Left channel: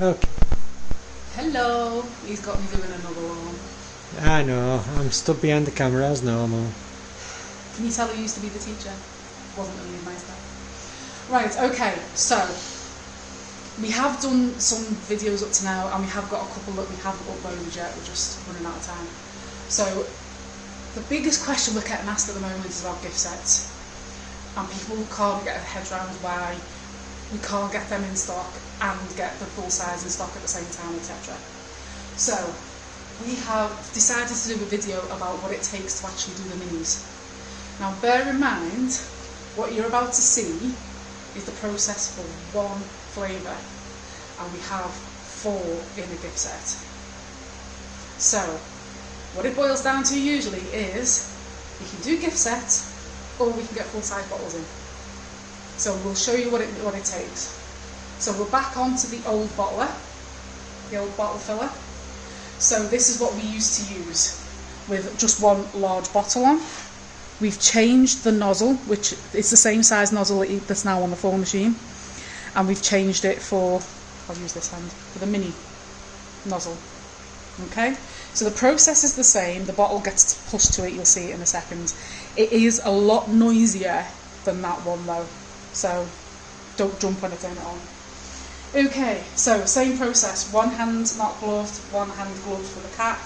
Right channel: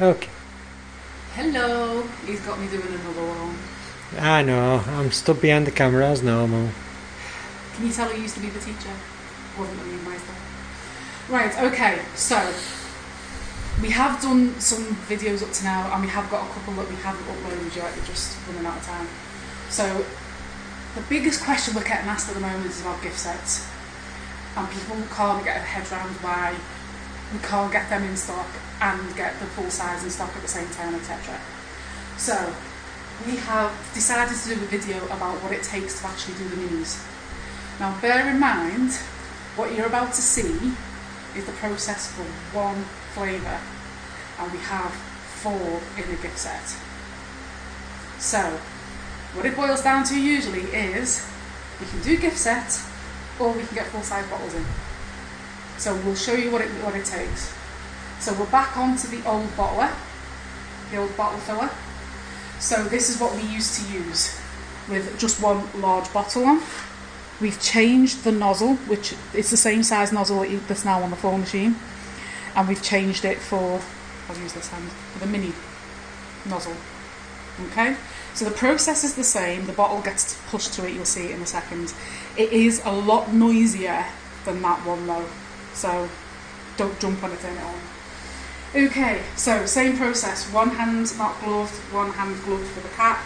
Okay. Hello. He's got me doing another one. I know, I'm stood behind the camera as normal. Can you tell who used to be the teacher? Wasn't really nice though. Right, okay, so we have done some videos up to now and we have got a couple that we haven't uploaded yet, we're just running out of time. So the biggest question we're getting asked at the moment is about gift sets. And people can't get their heads around why we can't get them in stock and get the full size in stock at the same time, etc. So we have decided to do a video about what it takes to actually do the minis. Now bear in mind, what you're about to see is the process for one flavour, and we have 4 in a gift set. So what it boils down to usually is we can do gift sets or we can get full size bottles in. So we'll show you what it takes. So we're back onto the old bottler, the old bottle filler. So this is what we used to use with just one large bottle on. We've changed the nozzle, which is the same size nozzle that's now on the full machine, and we've changed it for, I'll use this hand, for the mini nozzle. Okay, so the process is the same, the bottle gets pushed to it, you'll see it in a second. It is a lot noisier than that one though, so don't jump on it, turn it on. Okay, so same process, one hand not gloved, one hand gloved for the cap.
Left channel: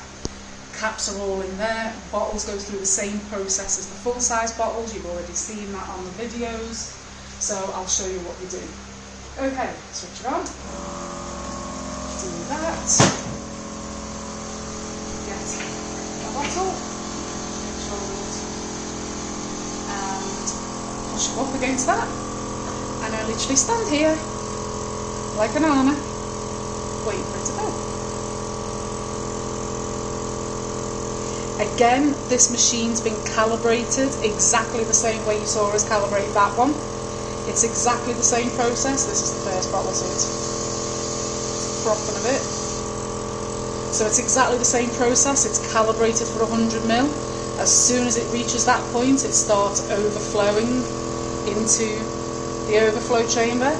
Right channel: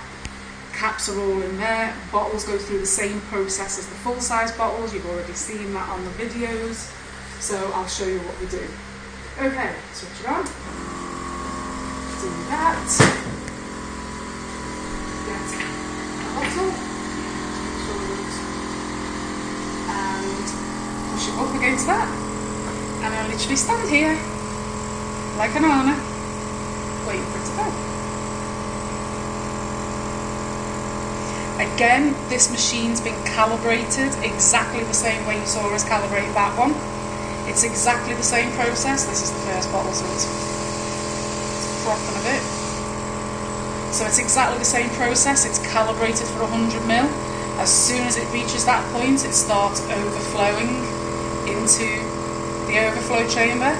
Caps are all in there, bottles go through the same process as the full size bottles, you've already seen that on the videos, so I'll show you what we do. Okay, switch it on, do that, get the bottle, make sure it's, and push it up against that, and I literally stand here like an armour, waiting for it to go. Again, this machine's been calibrated exactly the same way you saw us calibrate that one. It's exactly the same process. This is the first bottle, so it's frothing a bit. So it's exactly the same process. It's calibrated for 100ml. As soon as it reaches that point, it starts overflowing into the overflow chamber.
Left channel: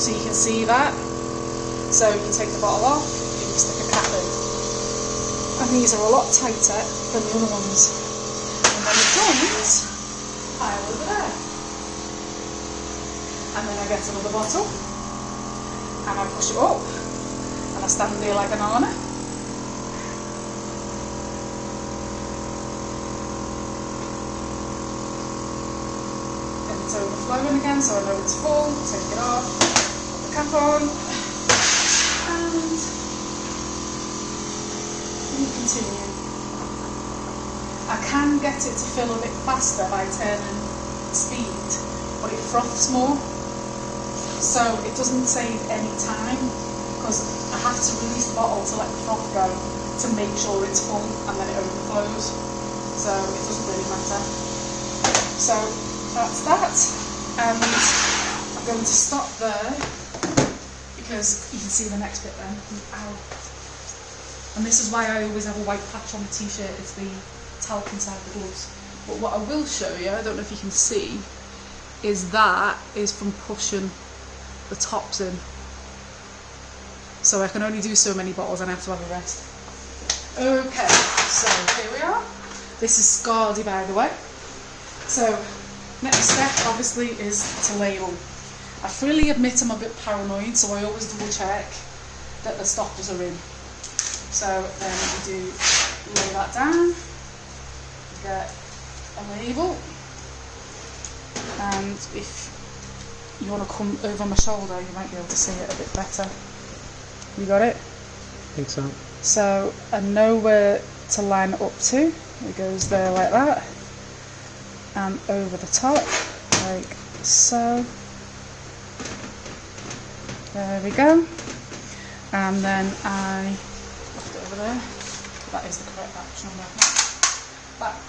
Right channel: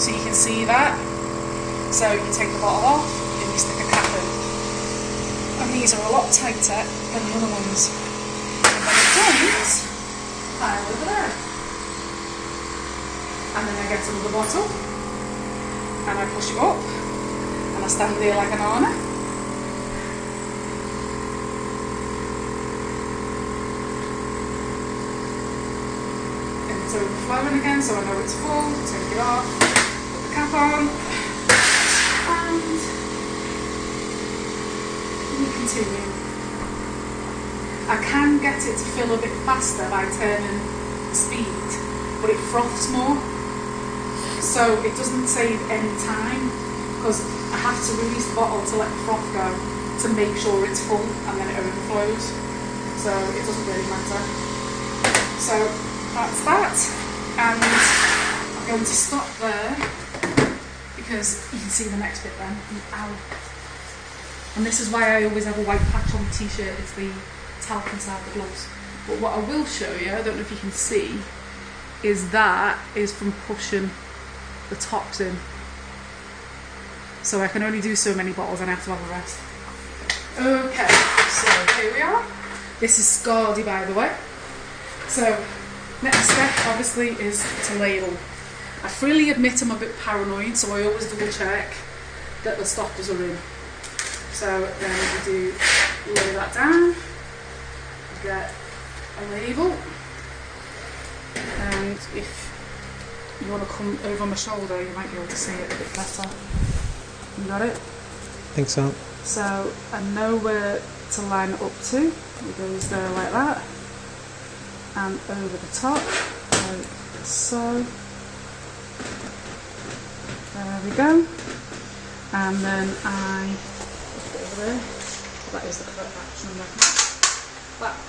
So you can see that. So you take the bottle off and you stick a cap in. And these are a lot tighter than the other ones. And then it dumps pile over there. And then I get another bottle and I push it up and I stand there like an Anna. And it's overflowing again, so I know it's full. Take it off, put the cap on, and we continue. I can get it to fill a bit faster by turning the speed, but it froths more, so it doesn't save any time because I have to release the bottle to let the froth go to make sure it's full and then it overflows, so it doesn't really matter. So that's that, and I'm going to stop there because you can see the next bit then. Ow. And this is why I always have a white patch on the t-shirt, it's the talc inside the gloves. But what I will show you, I don't know if you can see, is that is from pushing the tops in. So I can only do so many bottles and I have to have a rest. Okay, so here we are. This is Goodie, by the way. So next step obviously is to label. I freely admit I'm a bit paranoid, so I always double check that the stoppers are in. So then we do lay that down, get a label, and if you want to come over my shoulder you might be able to see it a bit better. You got it? I think so. So I know where to line it up to. It goes there like that, and over the top like so. There we go. And then I there. That is the correct batch number.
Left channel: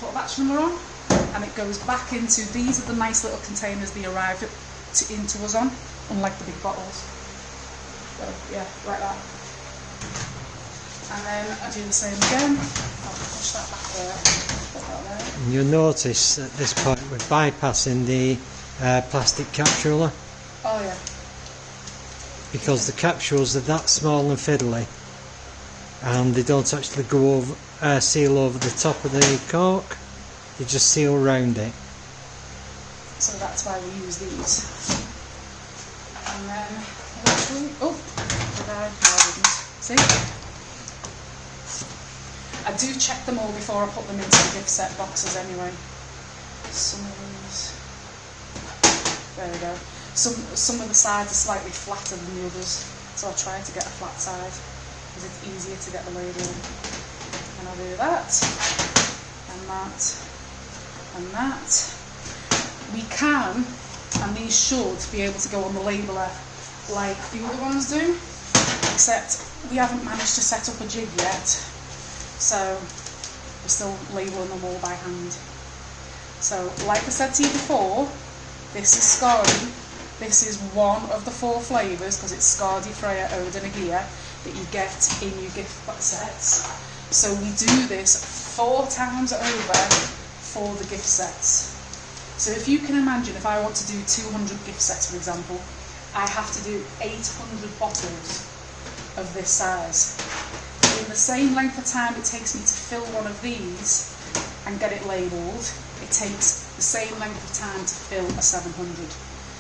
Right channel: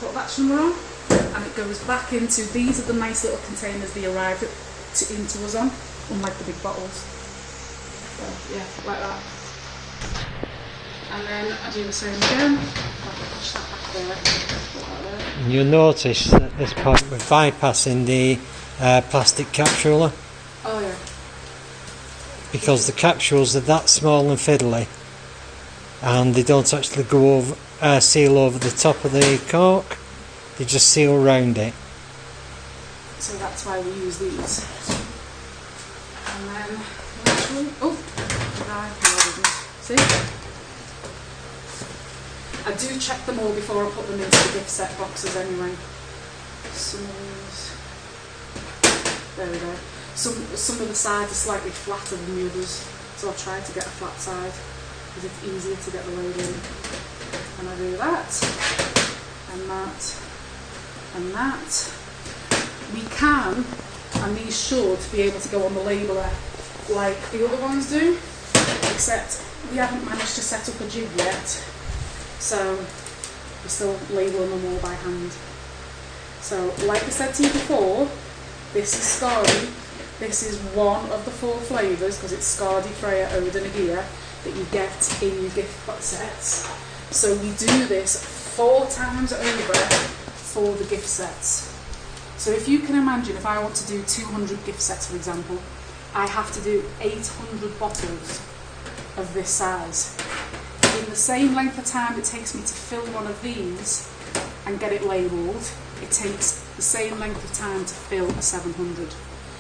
Put a batch number on, and it goes back into, these are the nice little containers they arrive into us on, unlike the big bottles. So yeah, like that. And then I do the same again. I'll push that back there, put that there. And you'll notice at this point we're bypassing the plastic capsule. Oh yeah. because the capsules are that small and fiddly, and they don't actually go over, seal over the top of the cork. They just seal around it. So that's why we use these. And then, see? I do check them all before I put them into the gift set boxes anyway. Some of these, there we go. Some of the sides are slightly flatter than the others, so I'll try to get a flat side because it's easier to get the label in. And I'll do that, and that, and that. We can, and these should be able to go on the labeler like the other ones do, except we haven't managed to set up a jig yet, so we're still labeling them all by hand. So, like I said to you before, this is Scardy. This is one of the 4 flavours, because it's Scardy, Freya, Ode and Agia, that you get in your gift box sets. So we do this 4 times over for the gift sets. So if you can imagine, if I want to do 200 gift sets, for example, I have to do 800 bottles of this size. In the same length of time it takes me to fill one of these and get it labelled, it takes the same length of time to fill a 700.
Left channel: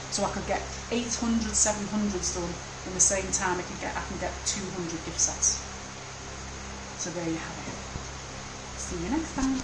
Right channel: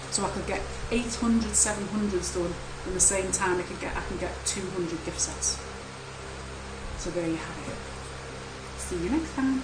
So I could get 800 700s done in the same time I can get 200 gift sets. So there you have it. See you next time.